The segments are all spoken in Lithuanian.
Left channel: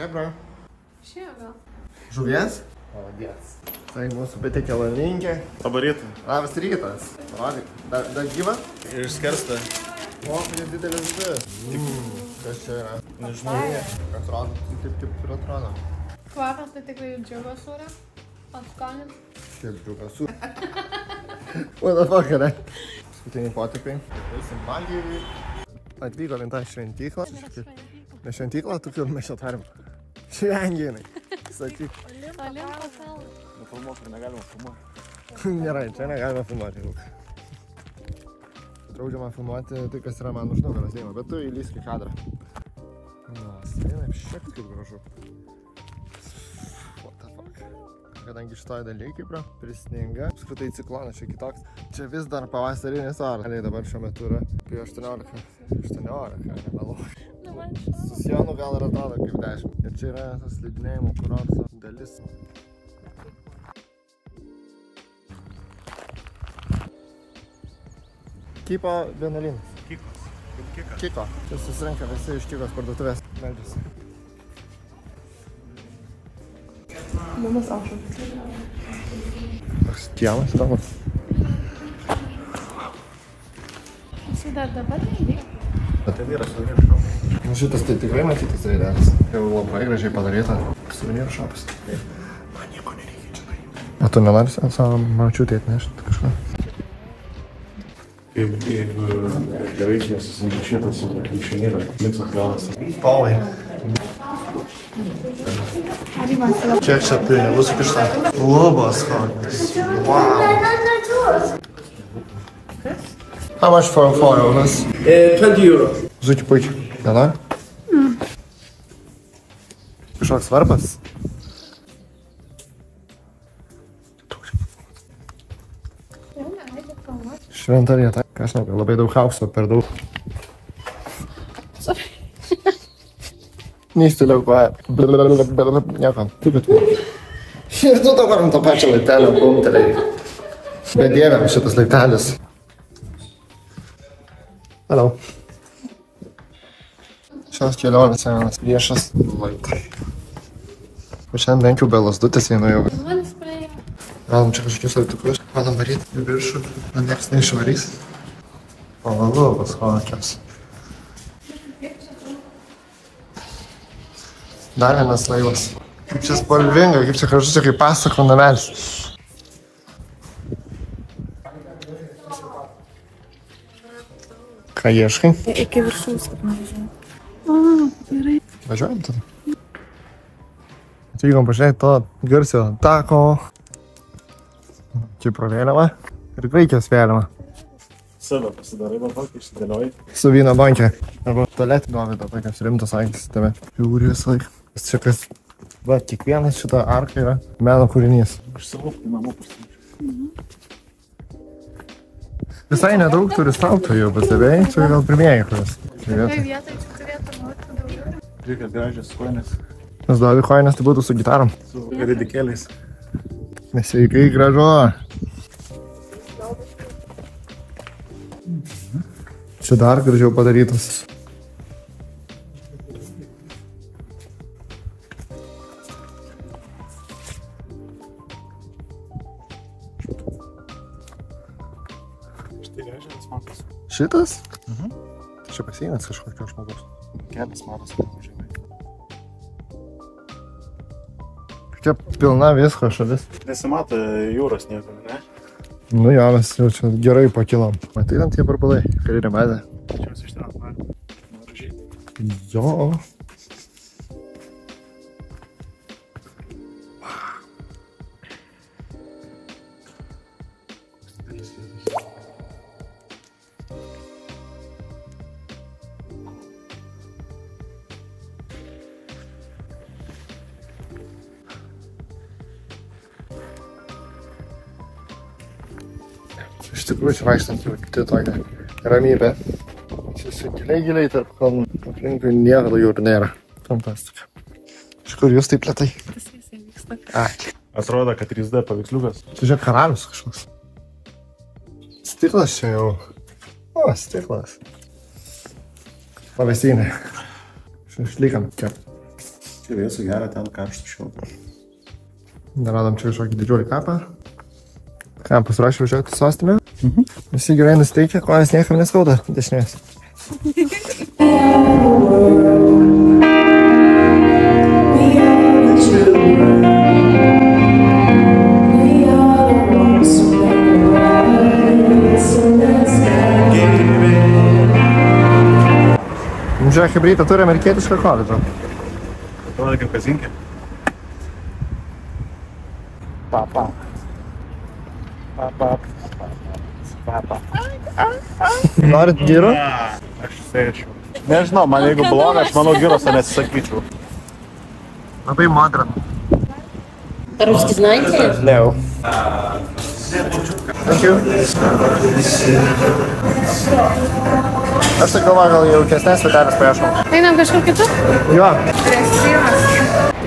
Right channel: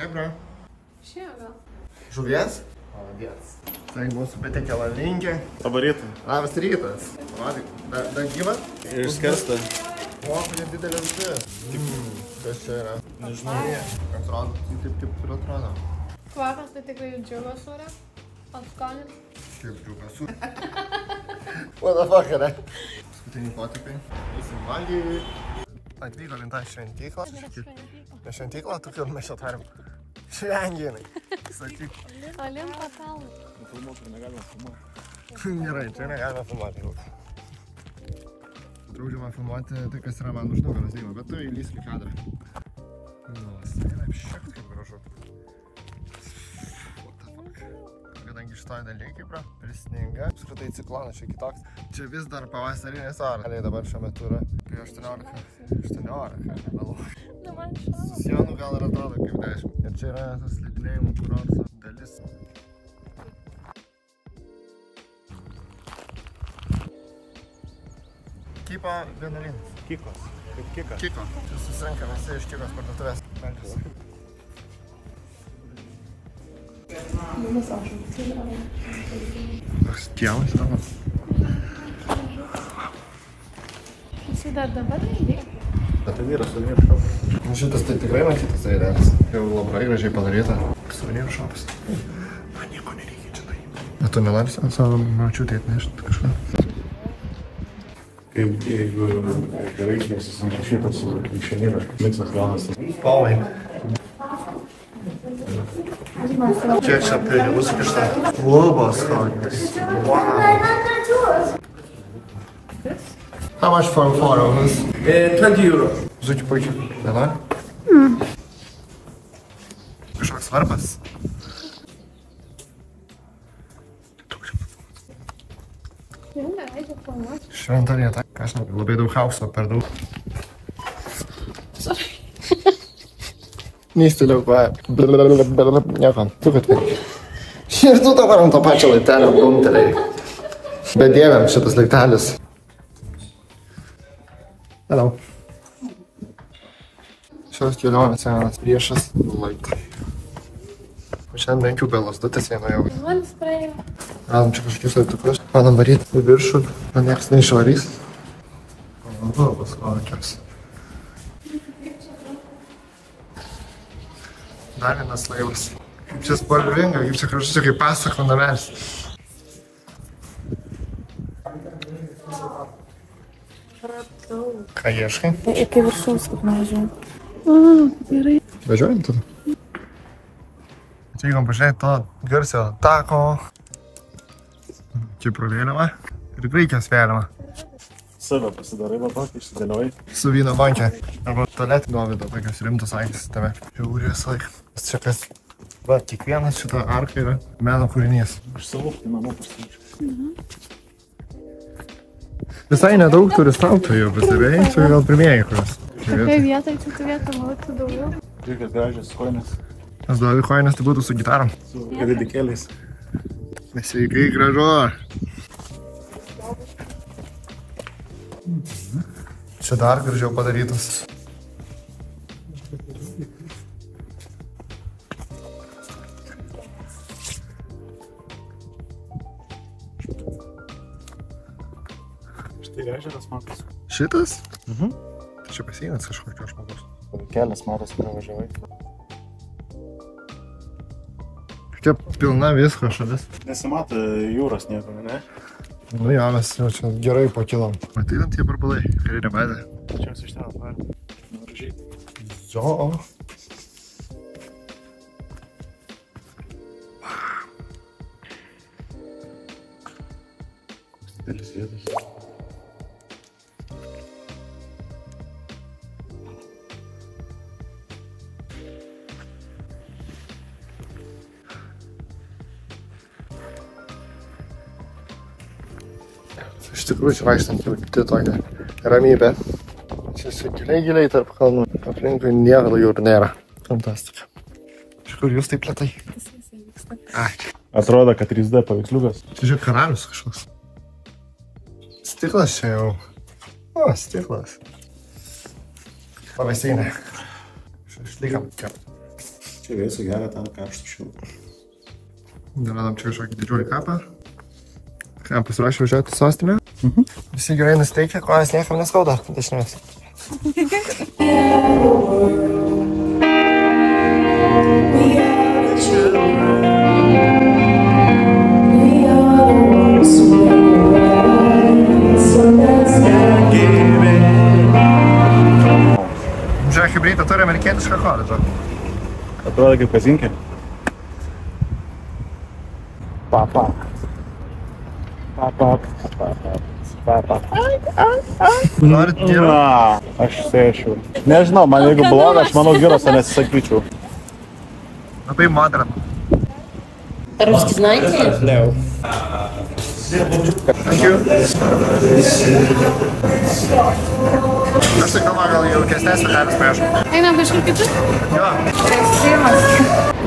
Chebra. Šiaga. Žuvies? Maladies. Tai mūsų patiekia lalinkė. Labą rytą. Labas rytas. Dar gyva? Išskersta. O, kokia didelė žuvis. Kas čia yra? Nežinau. Atrodo, taip ir atrodo. Kvapas tai tikrai džiugos ore. Atskonis. Šiaip džiugas. What the fuck, ne? Paskutiniai potipiai. Eisim valgyti. Atvyko lenta šventyklą. Ne šventyklą, tokiu mes čia tarim. Švenginai. Sakyk. Olimpo kalnas. Nufilmuok ir negalima filmuoti. Gerai, čia negalima filmuoti. Draudžiama filmuoti tai, kas yra man už nugaros eina, bet tu įlysk į kadrą. Nu, eina šiek kaip gražu. What the fuck? Kadangi šitoje dalyje Kipro prisninga, apskritai ciklonas čia kitoks. Čia vis dar pavasarinis oras. Ne, dabar šiuo metu yra apie 18. 18. Nu, man šau. Su Sionu gal ir atrodo kaip 10. Ir čia yra tas slidinėjimo kurorto dalis. Kipo vienuolynas. Kikos. Kika. Kiko. Čia susirenka visi iš Kikos parduotuvės. Meldžiasi. Liumas aušas. Toks kiemas tavo. Jisai dar dabar neįdėjo. Ten yra suvenyrų šopas. Šitas tai tikrai matytas aidelis. Jau labai gražiai padaryta. Suvenyrų šopas. Man nieko nereikia čia daryti. O tu nenori savo mačiutį atnešti kažką? Jeigu reikės šitas švenyrą, miksas galas. Paulai. Kiek čia pinigų sukišta? Lubos kokios. Wow. How much for 4 euros? 20 euro. Žučiu puičiu. Nenori? Kažkoks svarbas. Šventa vieta. Aš žinau, labai daug chaoso, per daug. Sorry. Neįstiliau koją. Nieko. Tu kad vėl. Ir tu dabar ant to pačio laiptelio bumtelėjai. Bedėviam šitas laiptelis. Hello. Šios kelionės senas viešas laiptai. O šiandien bent jau be lasdutis einu jau. Žuolis praėjo. Radom čia kažkokius laiptukus. Padam varyti į viršų, o nieks neišvarys. O lubos kokios. Dar vienas laivas. Kaip čia spalvinga, kaip čia kažkas kaip pasakų namelis. Ką ieškai? Iki viršaus, kaip nuvažiuojam. Gerai. Važiuojam tada? Atvykom pažiūrėti to garsio tako. Čia pro vėliavą. Ir Graikijos vėliavą. Save pasidarai, va tokį išsidėliojai. Su vyno bankė. Arba tualetį Dovydo, tokios rimtos akis tame. Žiūri visą laiką. Čia kas... Va, kiekvienas šitą arką yra meno kūrinys. Aš savo į namą pasirinčiau. Visai nedaug turistautojų, pastebėjai? Čia gal pirmieji kuris. Tokia vieta, čia turėtų būti daugiau. Žiūrėk, gražios koinės. Nes Dovy koinės tai būtų su gitarom. Su ridikėliais. Sveikai gražu. Čia dar gražiau padarytas. Štai ežeras matos. Šitas? Tai čia baseinas kažkokio žmogus. Kelias matos, kur važiavai. Čia pilna visko šalis. Nesimato jūros nieko, ne? Nu jo, mes jau čia gerai pakilom. Matai tam tie barbalai, karinė bazė. Čia mes iš ten atvarėm. Gražiai. Jo. Didelis vietas. Iš tikrųjų, čia vaikštant jau tokia ramybė. Čia giliai tarp kalnų. Aplinkui nieko jūrų nėra. Fantastika. Iš kur jūs taip lėtai? Kas visai vyksta? Ai. Atrodo, kad 3D paveiksliukas. Čia žiūrėk karalius kažkoks. Stiklas čia jau. O, stiklas. Pavėsinė. Šašlykam kept. Čia vėsų gerą, ten karštų šiltą. Dar radom čia kažkokį didžiulį kapą. Ką, pasiruošę važiuoti į sostinę? Visi gerai nusteikia, kojas niekam neskauda dešinės. Žiūrėk, hibrytą turi amerikietišką koledžą. Atrodo kaip kazinkė. Norit gyro? Aš sėčiau. Nežinau, man jeigu bloga, aš manau gyroso nesisakyčiau. Labai modern. Русский знаете? No. Thank you. Aš tai galvoju, gal jaukesnės vietelės prašom. Einam kažkur kitur? Jo. Streamas.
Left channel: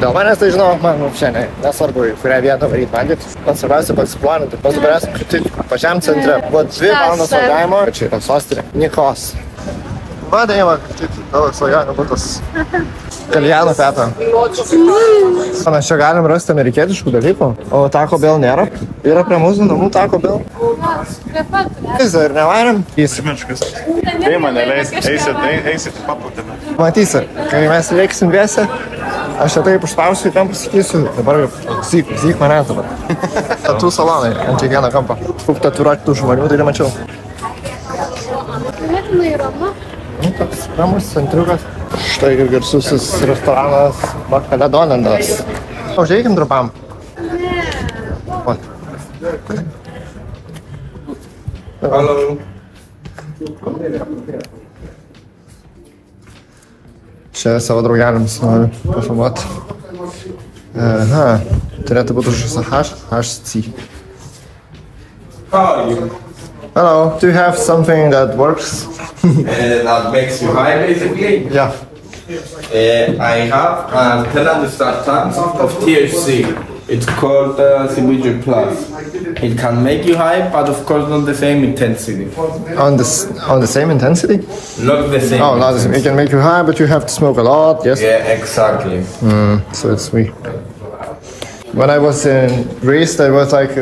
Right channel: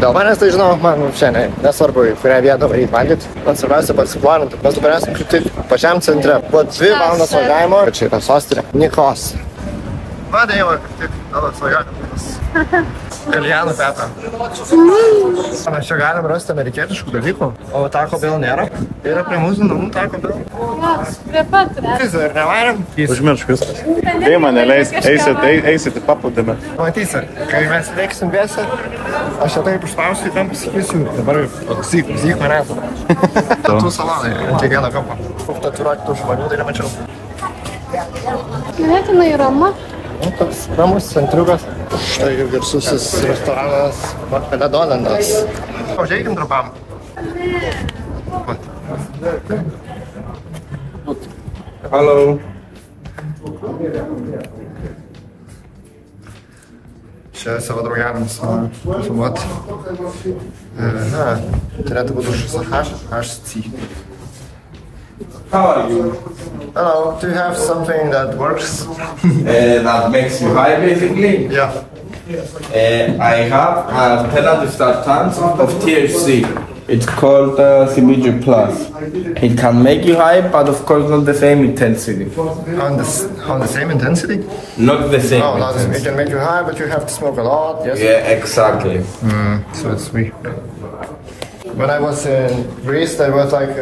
Dėl manęs tai žinau, man šiandien nesvarbu, į kurią vietą varyti valgyti. Man svarbiausia pasiplaninti. Mes dabar esam kaip tik pačiam centre. Buvo 2 valandos važiavimo. Čia yra sostinė. Nikos. Va, Deiva, kaip tik tavo svajonių būtas. Kaljanų petą. Mes čia galim rasti amerikietiškų dalykų, o Taco Bell nėra. Yra prie mūsų namų Taco Bell. Prie pat. Ir nevairiam. Užmiršk viskas. Tai mane leis, eisit į paplūdimį. Matysi, kai mes veiksim vėsi, aš čia taip užspausiu, kam pasakysiu. Dabar zyk mane dabar. Tatų salonai ant kiekvieno kampo. Tatuiruoti tų žmonių, tai nemačiau. Ganėtinai rama. Toks ramus centriukas. Štai garsusis restoranas Makadonendas. Užeikim trumpam. Hello. Čia savo draugeliams noriu pafilmuoti. Turėtų būti šis HC. How are you? Hello, do you have something that works? That makes you high, basically. Yeah. I have a penalty tons of THC. It's called CBG Plus. It can make you high, but of course not the same intensity. On the same intensity? Not the same. Oh, it can make you high, but you have to smoke a lot. Yes. Yeah, exactly. So it's sweet. When I was in Greece, there was like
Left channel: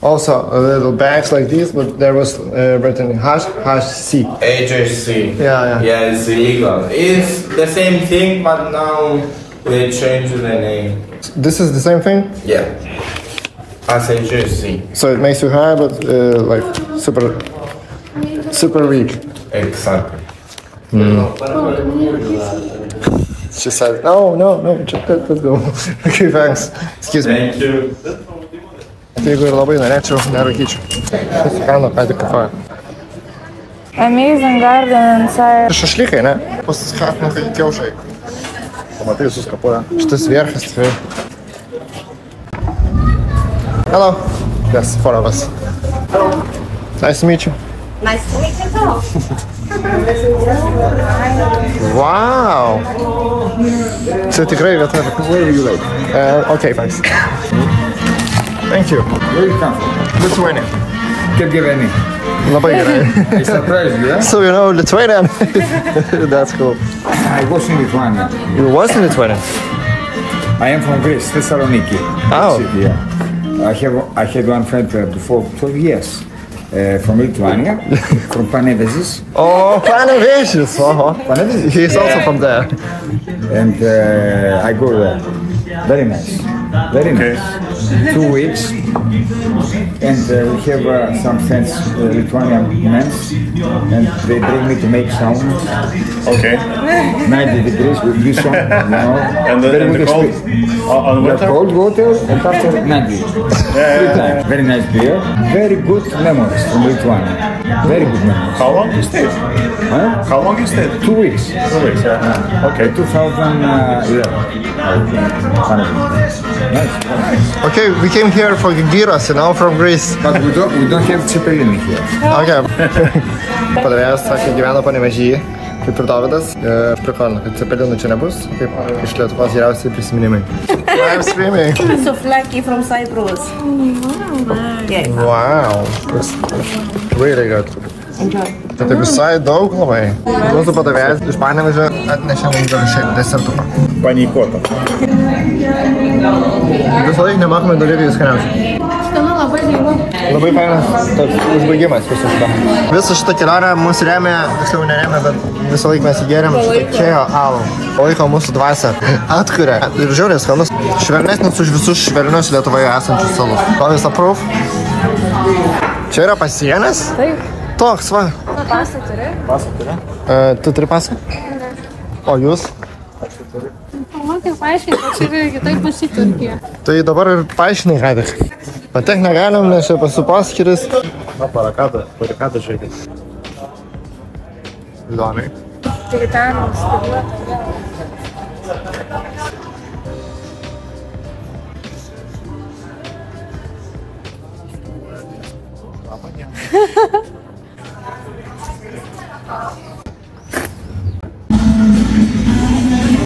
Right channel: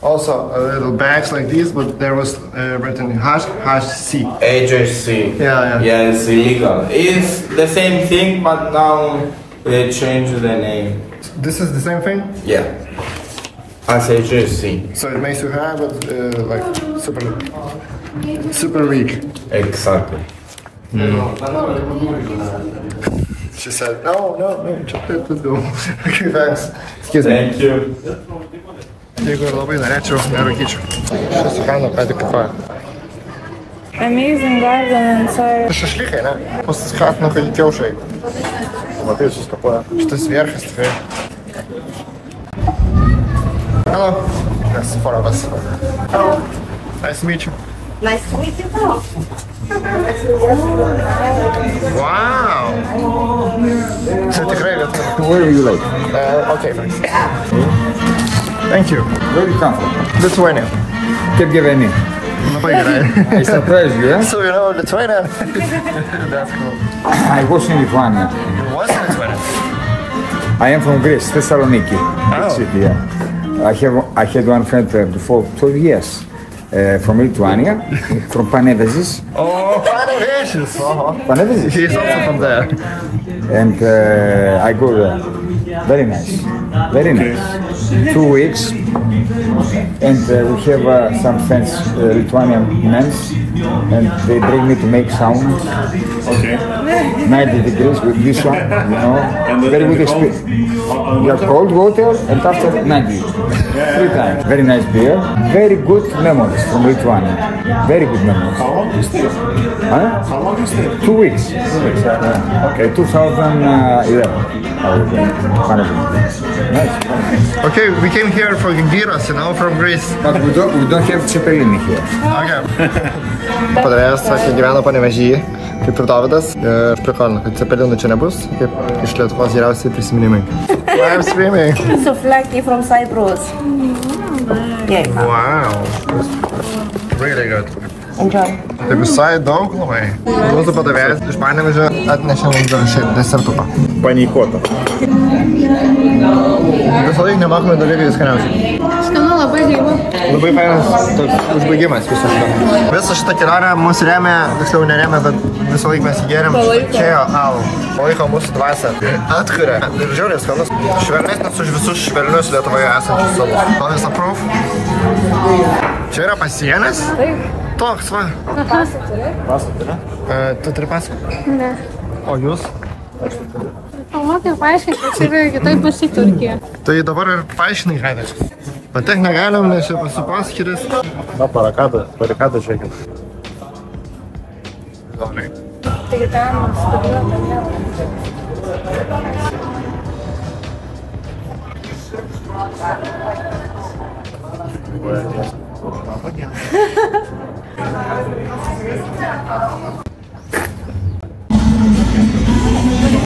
also a little bags like these, but there was written HC. HHC. Yeah. Yeah, it's illegal. It's the same thing, but now they changed the name. This is the same thing? Yeah. As HHC. So it makes you high, but like super weak. Exactly. She said, no, let's go. Okay, thanks. Excuse me. Thank you. Jeigu ir labai norėčiau, nerūkyčiau. Šis kaina ką tik kafoja. Amazing garden inside. Šašlykai, ne? Pasiskatinu, kad kiaušai. Matai, suskapuoja. Šitas vierchas tikrai. Hello. Yes, follow us. Hello. Nice to meet you. Nice to meet you too. Wow. Čia tikrai vieta. Where are you like? Okay, thanks. Thank you. Where you come from? Lithuania. Kaip gyveni? Labai gerai. It's a pleasure, yeah? So you know Lithuania? That's cool. I was in Lithuania. You was in Lithuania? I am from Greece, Thessaloniki. Oh. City, yeah. I had one friend before 12 years from Lithuania, from Panevėžys. Oh, Panevėžys. Panevėžys? He's also from there. And I go there. Very nice. Very nice. 2 weeks. And we have some friends, Lithuanian men, and they bring me to make sound. Okay. 90 degrees with this one, you know. And very good cold, experience. on You have cold water and after 90. 3 times. Very nice beer. Very good memories from Lithuania. Very good memories. How long you stayed? Huh? How long you stayed? 2 weeks. 2 weeks, yeah. Okay. 2011. Nice. Okay, we came here for gyros, you know, from Greece. But we don't have Cepelini here. Okay. Padavėjas sakė, gyveno Panevėžyje, kaip ir Dovydas. Prikolina, kad Cepelinų čia nebus, kaip iš Lietuvos geriausiai prisiminimai. I'm screaming. Souvlaki from Cyprus. Yeah. Wow. That's really good. Enjoy. Tai visai daug labai. Mūsų padavėjas iš Panevėžio atnešė mums dar šiaip desertuką. Panikuota. Visą laiką nemokamai dalykai skaniausiai. Skanu labai gyvu. Labai fainas toks užbaigimas viso šito. Visą šitą kelionę mūsų remė, tiksliau neremė, bet visą laiką mes įgėrėm čia alų. Palaiko mūsų dvasią. Atkuria. Ir žiauriai skanus. Švelnesnis už visus švelnius Lietuvoje esančius salų. Kovis aprūf. Čia yra pasienis? Taip. Toks, va. Tu turi pasą? Ne. O jūs? Pamatai paaiškinti, kad čia yra kitaip bus į Turkiją. Tai dabar ir paaiškinai, Haidai. Patek negalim, nes čia pasipaskytis. Na, barikada, žiūrėkit. Įdomiai. Tai ten.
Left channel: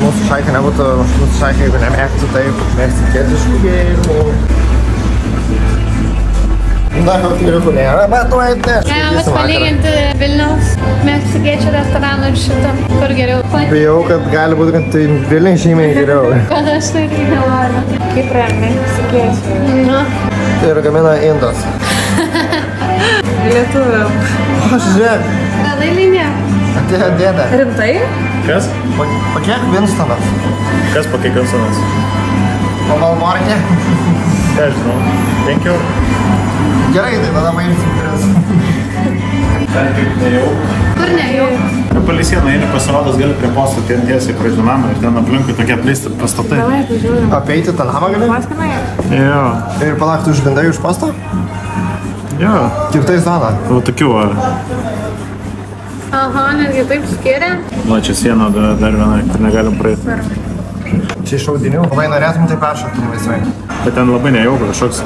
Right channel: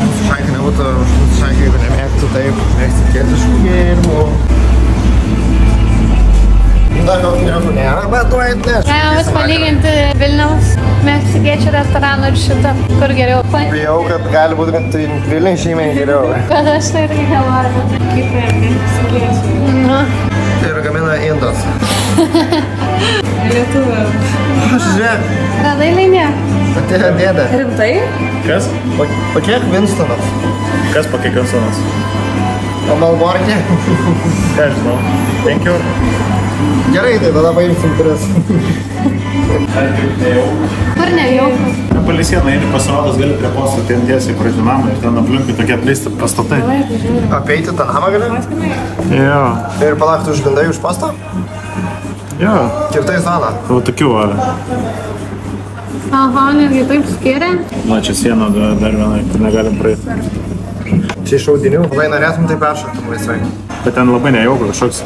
Mūsų šaika nebūtų, mūsų šaika, jeigu nemėgtų taip, meksikėtiškų gėrimų. Na, geriukų nėra, bet tu atneš. Galime palyginti Vilniaus meksikiečių restoraną ir šitą, kur geriau. Bijau, kad gali būti, kad tai Vilniai žymiai geriau. Kad aš tai irgi nenoriu. Kaip yra meksikiečiai? Nu. Tai yra gamina Indas. Lietuvių. Aš žiūrėk, Radai linija? atėjo dėdė. Rimtai? Kas? Po kiek Winstonas? Kas pakeikansonas? O Malborkė? Ką žinau? 5 eurų. Gerai, tai tada paimsim 3. Kur nejau? Palei sieną, jei pasirodos, gali prie posto tiesiai prie namą ir ten aplinkui tokie apleisti pastatai. Apeiti tą namą gali? Jo. Ir palaukti užvindai už postą? Jo. Kirtai zoną. O tokių, Aha, netgi taip skiria. va čia siena dar viena, kur negalim praeiti. Čia iš audinių. Labai norėtum tai peršokti laisvai. Bet ten labai nejauku, kažkoks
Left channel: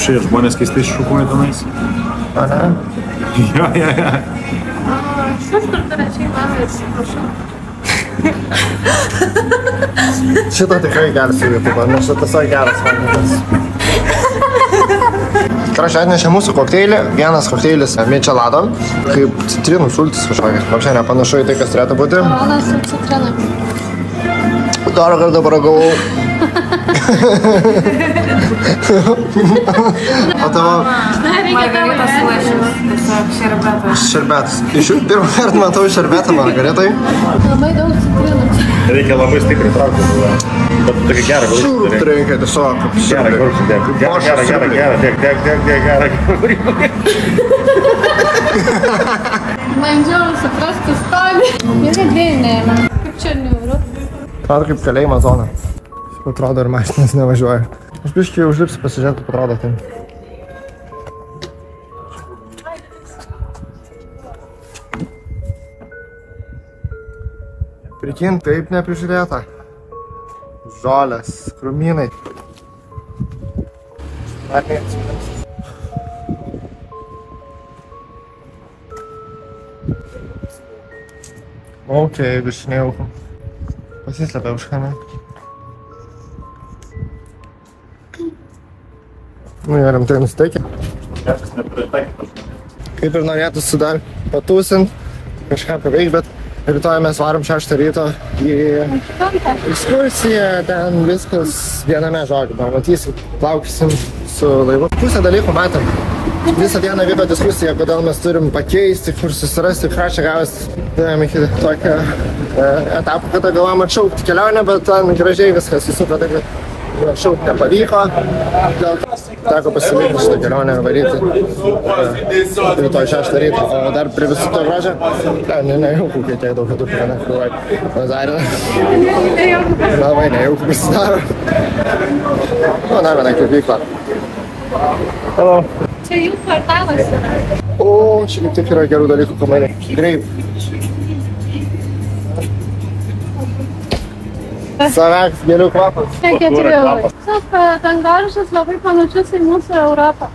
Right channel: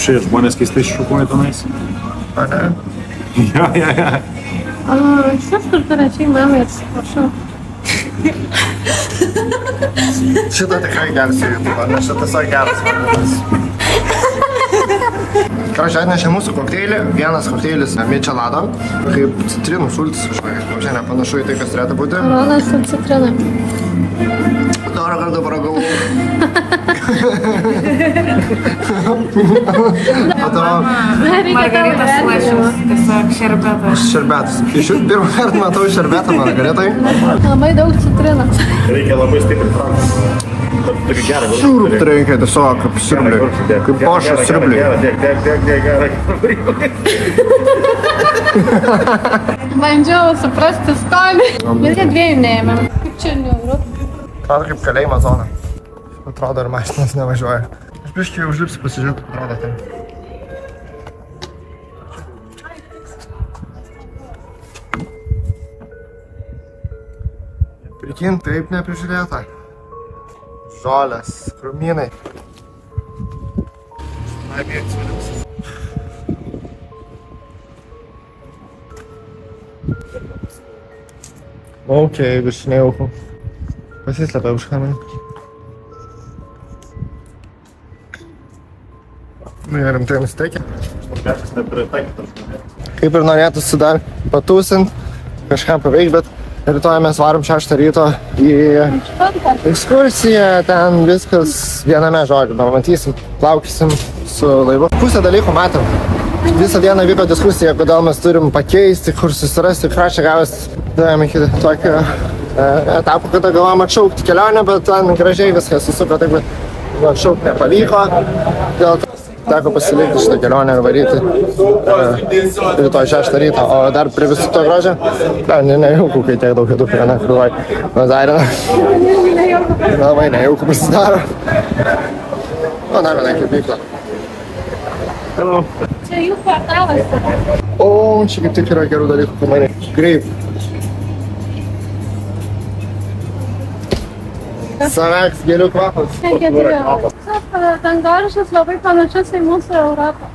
šie žmonės keistai šukuoja tenais. A ne? Jo. Šis kur paračiai namai, atsiprašau. Šitą tikrai geras YouTube, nes šitas yra geras. Kraščiai atnešė mūsų kokteilį. Vienas kokteilis Michelado, kaip citrinų sultis kažkokias. Nors čia nepanašu į tai, kas turėtų būti. Rodas ir citrina. Darą kartą paragavau. O tavo? Margaritas lašis, tiesiog šerbetas. Šerbetas. Iš jų pirmą kartą matau šerbetą margaritai. Labai daug citrinos. Reikia labai stipriai traukti. Bet tokį gerą gurkštį. Reikia tiesiog kaip Gerą gurkštį. Gerą. Bandžiau suprasti skonį. Irgi dviejų neėmė. Kaip čia neuru. Atrodo kaip kalėjimo zona. Atrodo ir mašinas nevažiuoja. Aš biškai užlipsiu pasižiūrėti, kaip atrodo tai. Prikin, taip neprižiūrėta. Žolės, krūmynai. Ok, biškai nejauku. Pasislepia už kamerą. Nu, jie rimtai nusiteikė. Kaip ir norėtųsi dar patūsint, kažką paveikti, bet rytoj mes varom 6 ryto į ekskursiją, ten viskas viename žodžiu. Matysim, plaukysim su laivu. Pusę dalykų matom. Visą dieną vyko diskusija, kodėl mes turim pakeisti, kur susirasti, ką čia gavęs. Davėm iki tokio etapo, kada galvom atšaukti kelionę, bet ten gražiai viskas susuko, taip kad atšaukti nepavyko. Dėl to teko pasilikti šitą kelionę ir varyti rytoj 6 ryto. O dar prie visų to grožio, nejauku, kai tiek daug kitų pirana, krūvai. Nazarina. Labai nejauku pasidaro. O, dar viena kirpykla. Hello. Čia jų kvartalas yra. O, čia kaip tik yra gerų dalykų kamarė. Greip. Saveks, gėlių kvapas. Dangoraižis labai panašus į mūsų Europą.